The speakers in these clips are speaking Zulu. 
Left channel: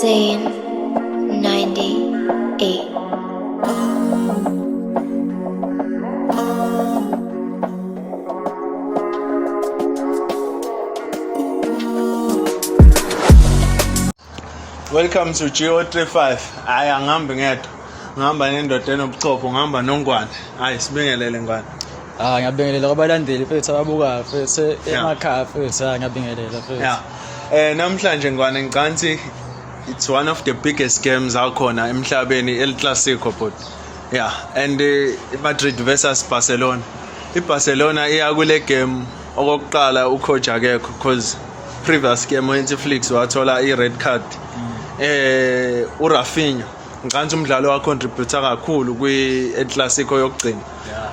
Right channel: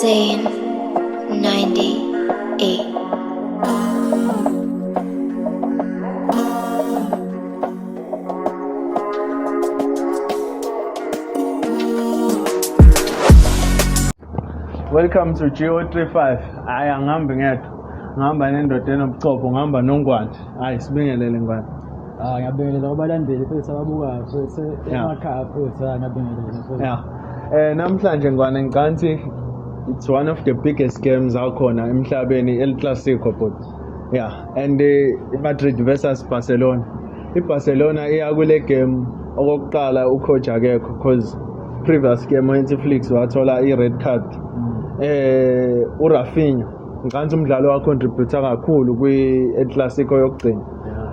Zane 98. Welcome to GO35. Hayi angihambi ngedwa. Ngihamba nendoda enobuchopho, ngihamba noNgwane. Hayi sibingelele Ngwane. Ngiyabingelela kwabalandeli mfethu ababukayo mfethu emakhaya mfethu ngiyabingelela mfethu. Yeah. Namhlanje Ngwane ngicansi it's one of the biggest games akhona emhlabeni El Clasico but. Yeah, and Madrid versus Barcelona. IBarcelona iya kule game okokuqala ucoach akekho because previous game uNetflix wathola i-red card. uRafinha ngicansi umdlalo wa contribute kakhulu kwi-El Clasico yokugcina.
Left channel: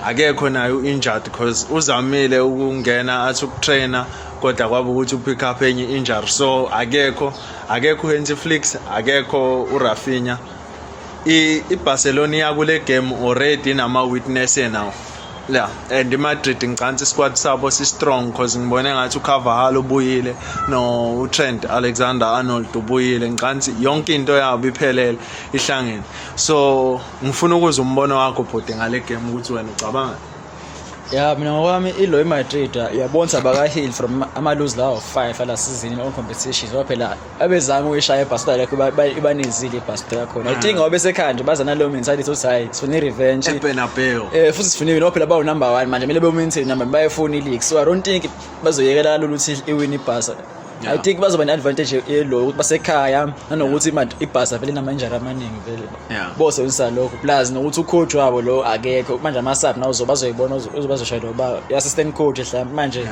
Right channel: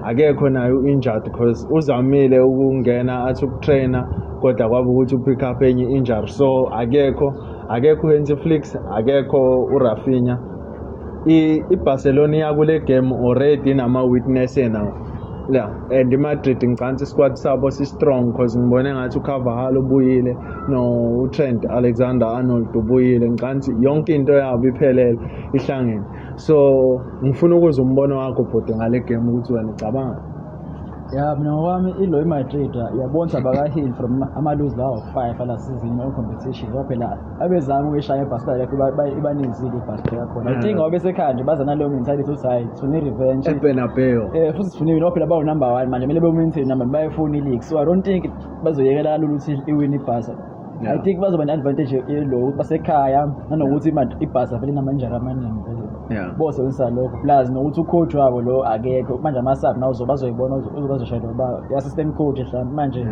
Akekho nayo injured because uzamile ukungena athi ukutrainer kodwa kwaba ukuthi upick up enye injury so akekho uNetflix akekho uRafinha. IBarcelona yakule game already nama witness now. Yeah, and Madrid ngicansi squad sabo si strong because ngibone ngathi uCarvajal ubuyile no Trent Alexander-Arnold ubuyile ngicansi yonke into yabo iphelele ihlangene so ngifuna ukuzwa umbono wakho bhode ngale game ukuthi wena ucabanga. Yeah, mina ngokwami ilo eMadrid uyabona baka-heal from ama-lose lawo 5 la season on competitions phela abezama uyishaya eBarcelona lekho ibanezile iBarcelona yakhona. I think ngoba besekhaya nje baza nalo mentality uthi hayi sifuna i-revenge eBernabeu. Futhi sifunile no phela bawu number 1 manje kumele be-maintain number bayefuna i-league so I don't think bazoyekela kalula ukuthi iwin iBarca. I think bazoba ne-advantage yelo ukuthi basekhaya nanokuthi iBarca vele inama-injury amaningi vele. Bosebenzisa lokho plus nokuthi ucoach wabo lo akekho manje ama-sub nawo bazoyibona bazoshayela uba i-assistant coach mhlawumbe manje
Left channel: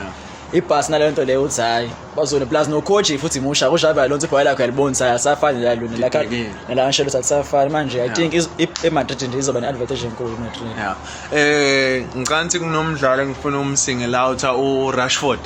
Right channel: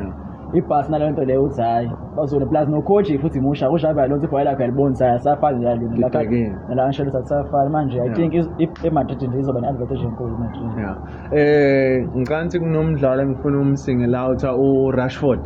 iBarca nale nto leyo uthi hayi bazona plus no-coach futhi musha kushabe lonto ibhola lakho yalibonisa asafani nalo la nshelo safani manje I think eMadrid nje izoba ne-advantage enkulu eMadrid. Ngicansi kunomdlalo engifuna umsingele out uRashford.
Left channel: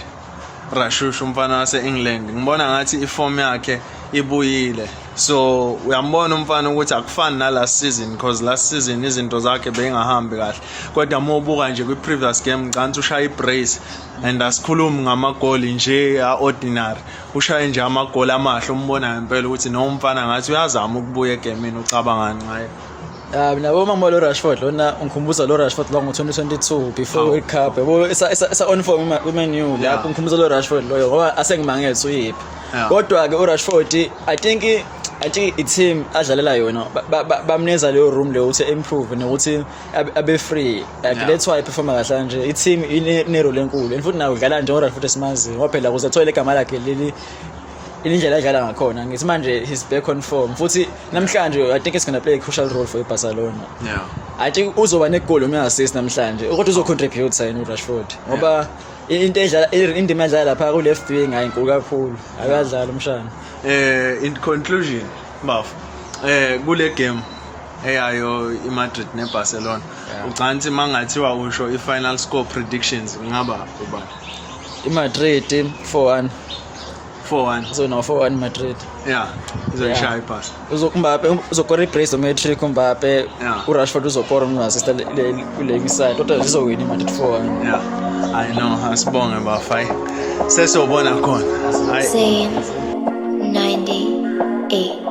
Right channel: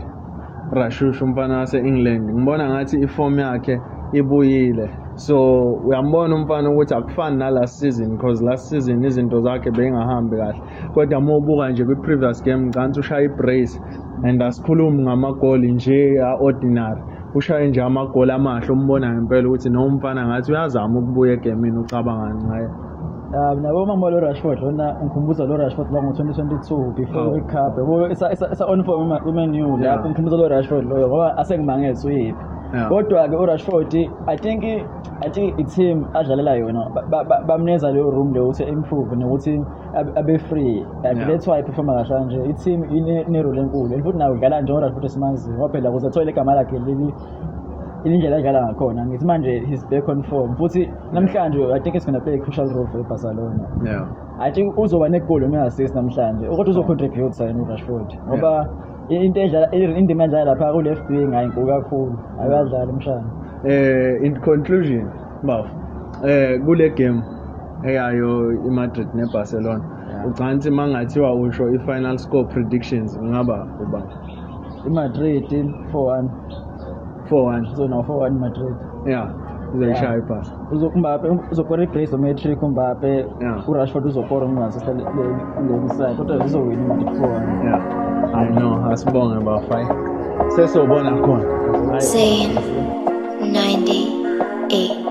Rashushu umfana wase-England ngibona ngathi iform yakhe ibuyile so uyambona umfana ukuthi akufani na last season because last season izinto zakhe beyingahambi kahle kodwa mobuka nje kwi-previous game ngicansi ushaya i-brace and asikhulumi ngamagoli nje ordinary ushaye nje amagoli amahle umbona ngempela ukuthi nomfana ngathi uyazama ukubuya egamini ucabangani ngaye. Mina bomama lo Rashford lona ngikhumbuza lo Rashford lo ngo-2022 before World Cup yabo esa on form ku-Man U lapho ngikhumbuza lo Rashford loyo ngoba asengimangele uyiphi kodwa ke uRashford I think i-team adlalela yona bamneza leyo room leyo ukuthi improve nokuthi abe free that's why perform kahle nje i-team ine role enkulu and futhi nawe udlala nje uRashford esimazi ngoba phela kuze athole igama lakhe leli indlela edlala ngakhona ngithi manje he's back on form futhi namhlanje I think it's going to play a crucial role for Barcelona. I think uzoba ne-goal noma assist namhlanje ukuthi uzocontribute sayini uRashford ngoba into edlala indima edlala lapha ku left wing ayinkulu kakhulu akadlala umshana. In conclusion baf kule game eyayo iMadrid neBarcelona ucansi mangathiwa usho i-final score predictions ngaba ubani? iMadrid 4-1 so no 4-1 Madrid. Izoyishaya iPass. Uzokora ibrace uMatrick Mbappe uRashford uzokora umassist kule side kodwa zizowina iMadrid 4-1. I know asibonge bafai sesobona khona. Zane 98.